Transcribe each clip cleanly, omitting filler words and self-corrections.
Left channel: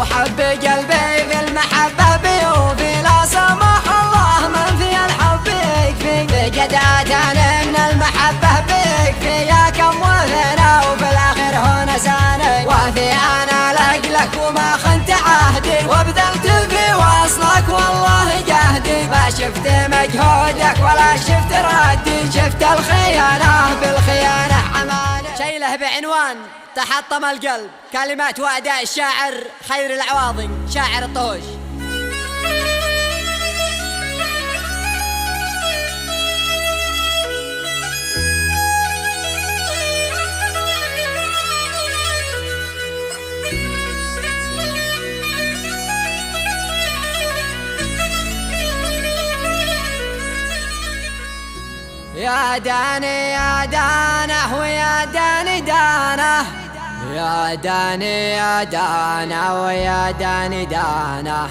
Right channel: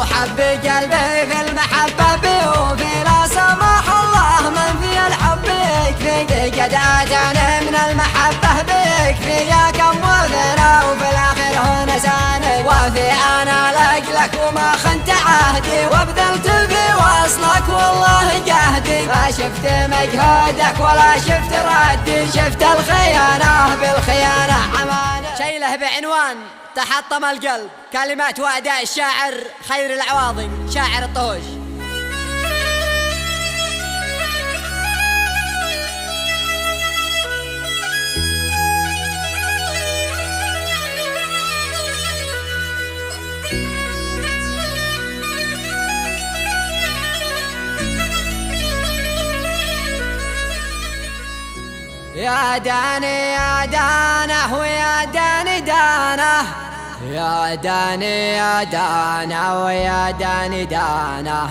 لو حب قلبي في المحبة بيوفي لا سمح الله من في الحب يكفي قد اتاني من المحبة بيكفي يا كم وفينا وفي الاخر هو نساني وفي انا لك وما خنت عهدي وبذلت في وصلك والله جهدي ما شفت مجهودك ولا شفت ردي شفت الخيانة بالخيانة عماني شيله بعنوان تحطم القلب كلمات وأداء الشاعر خير العواضي شاعر الطهوش. يا داني يا دانه ويا داني دانه يا داني يا دانه ويا داني دانه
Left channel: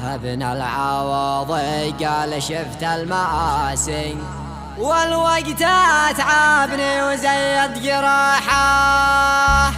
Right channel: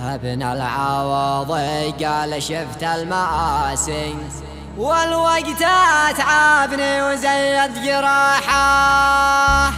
ابن العوض قال شفت المآسي والوقت اتعبني وزيد جراحه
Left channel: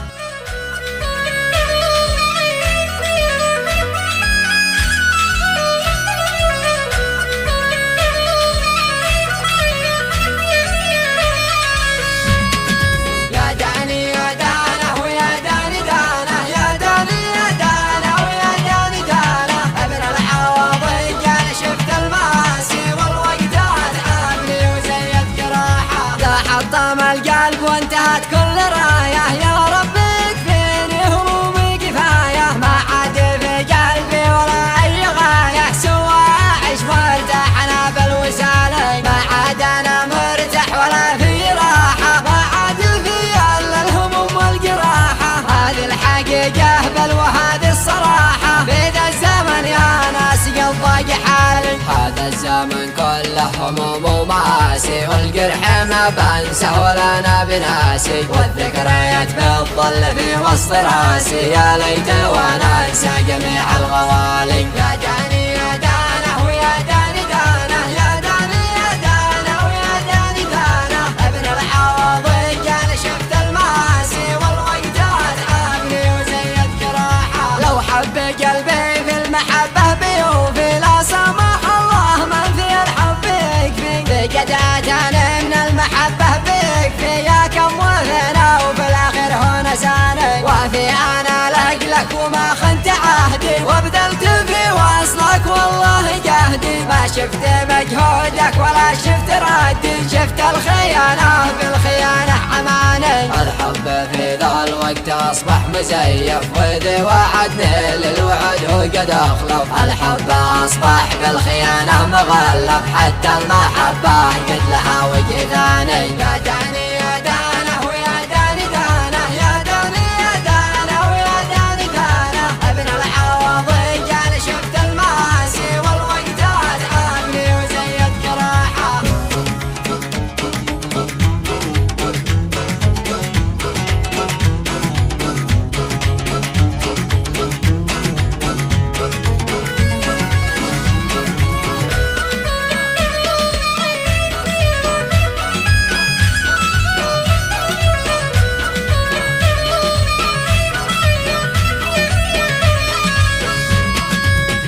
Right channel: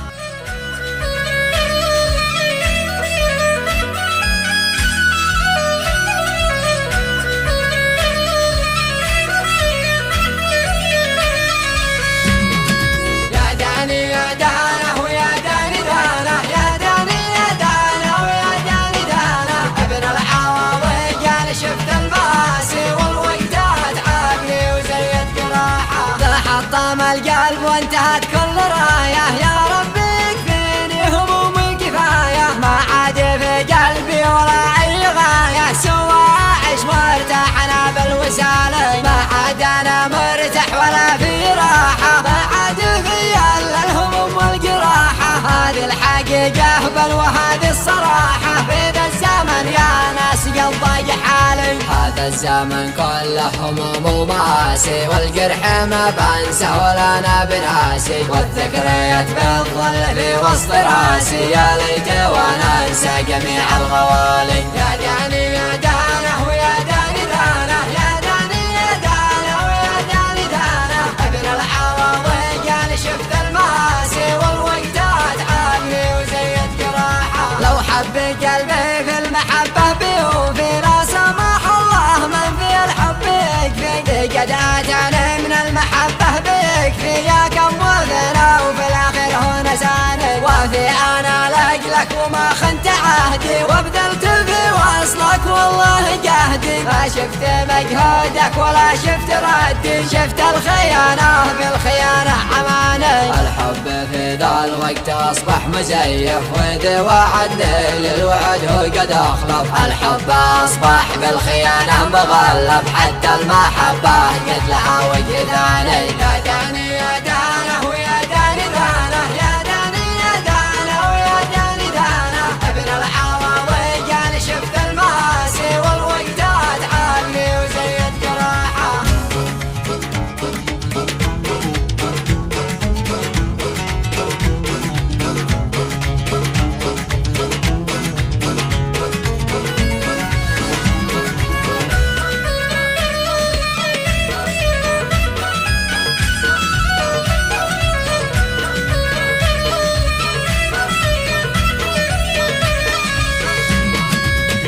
حطم القلب وانتهت كل رايه يا ربي يكفيني همومي كفايه ما عاد في قلبي ولا اي غايه سوى اعيش وارتاح انا بالوساله ما عاد انا مرتاح ولا في راحه ما عاد في الا الهموم والجراحه هذه الحقيقه بل وهذه الصراحه في ذا الزمن يا ناس قلب ضاق حالي هذا الزمن كله هموم ومآسي والجرح ما بنسه ولا انا بناسي والذكريات بتظل في وسط راسي يا ليت وانا انسى جميع الغوالي يا داني يا دانه ويا داني دانه يا داني يا دانه ويا داني دانه ابن العوضي قال شفت المآسي والوقت اتعبني وزيد جراحه لو حب قلبي في المحبة بيوفي لا سمح الله من في الحب يكفي قد اتاني من المحبة بيكفي يا كم وفينا وفي الاخر هو نساني وفي انا لك وما خنت عهدي وبذلت في وصلك والله جهدي ما شفت مجهودك ولا شفت ردي شفت الخيانة بالخيانة عماني الحب في ذا الوقت اصبح مزيف وذي وعدني للوعد وقد اخلف الحب اصبح بالخيانة مغلب حتى المحبة قد لها وجه ثاني يا داني يا دانه ويا داني دانه يا داني يا دانه ويا داني دانه ابن العوضي قال شفت المآسي والوقت اتعبني وزيد جراحه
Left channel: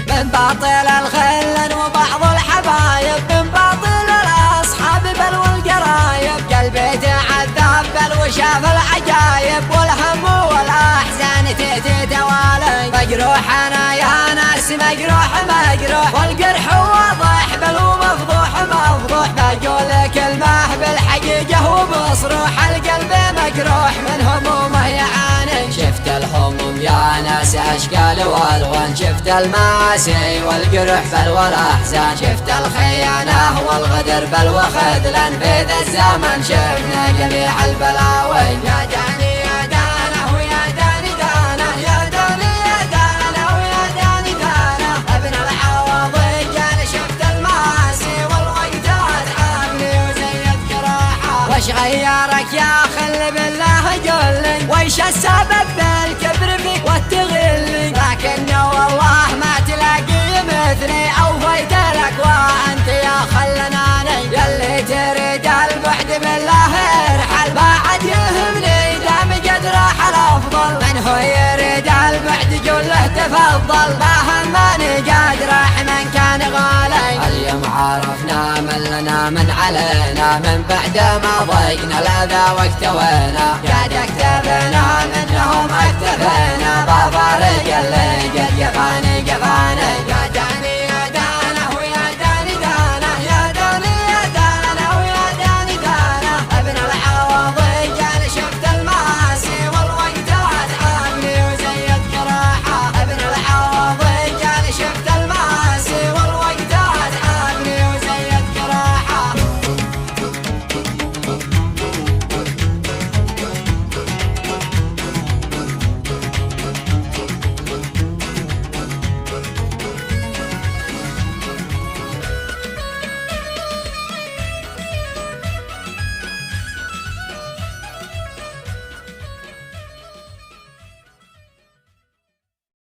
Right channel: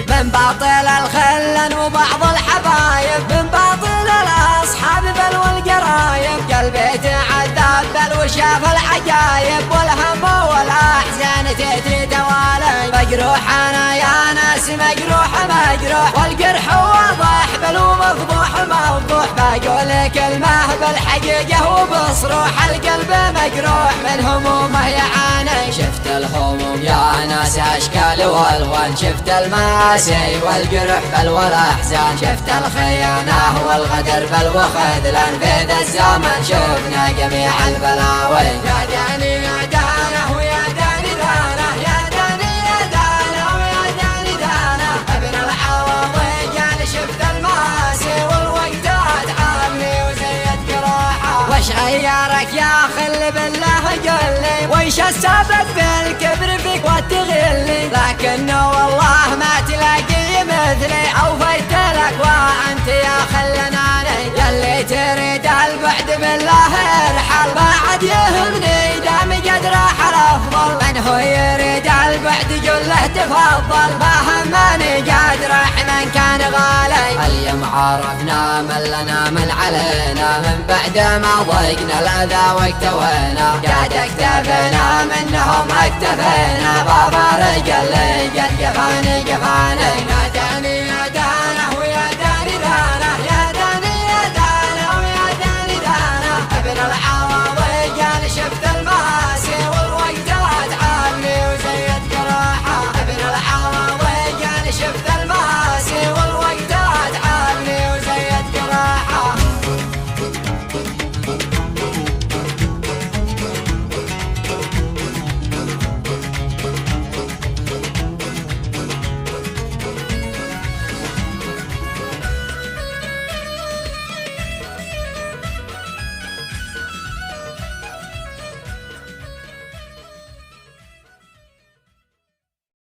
من باطل الخلن وبعض الحبايب من باطل الاصحاب بل والقرايب قلبي تعذب بل وشاف العجايب والهم والاحزان تأتي توالي مجروح انا يا ناس مجروح مجروح والجرح واضح بل ومفضوح مفضوح بقول كلمه بالحقيقه وبصروح القلب مجروح من همومه يعاني شفت الهموم يا ناس اشكال والوان شفت المآسي والجرح بل والاحزان شفت الخيانة والغدر بل وخذلان في ذا الزمن شفنا جميع البلاوي يا داني يا دانه ويا داني دانه يا داني يا دانه ويا داني دانه ابن العوضي قال شفت المآسي والوقت اتعبني وزيد جراحه وش غيرك يا خل بالله قل لي ويش السبب بالكبر فيك والتغلي لكنه والله ما تلاقي مثلي اوفيت لك وانت يا خلناني يلي تريد البعد بالله ارحل ما عاد يهمني دام قد راح الافضل من هو يريد البعد كله تفضل بهمني قد رحمن كان غالي. اليوم عرفنا من لنا من علينا من بعد ما ضيقنا الأذى واكتوينا قد اكتفينا منهم اكتفينا بابا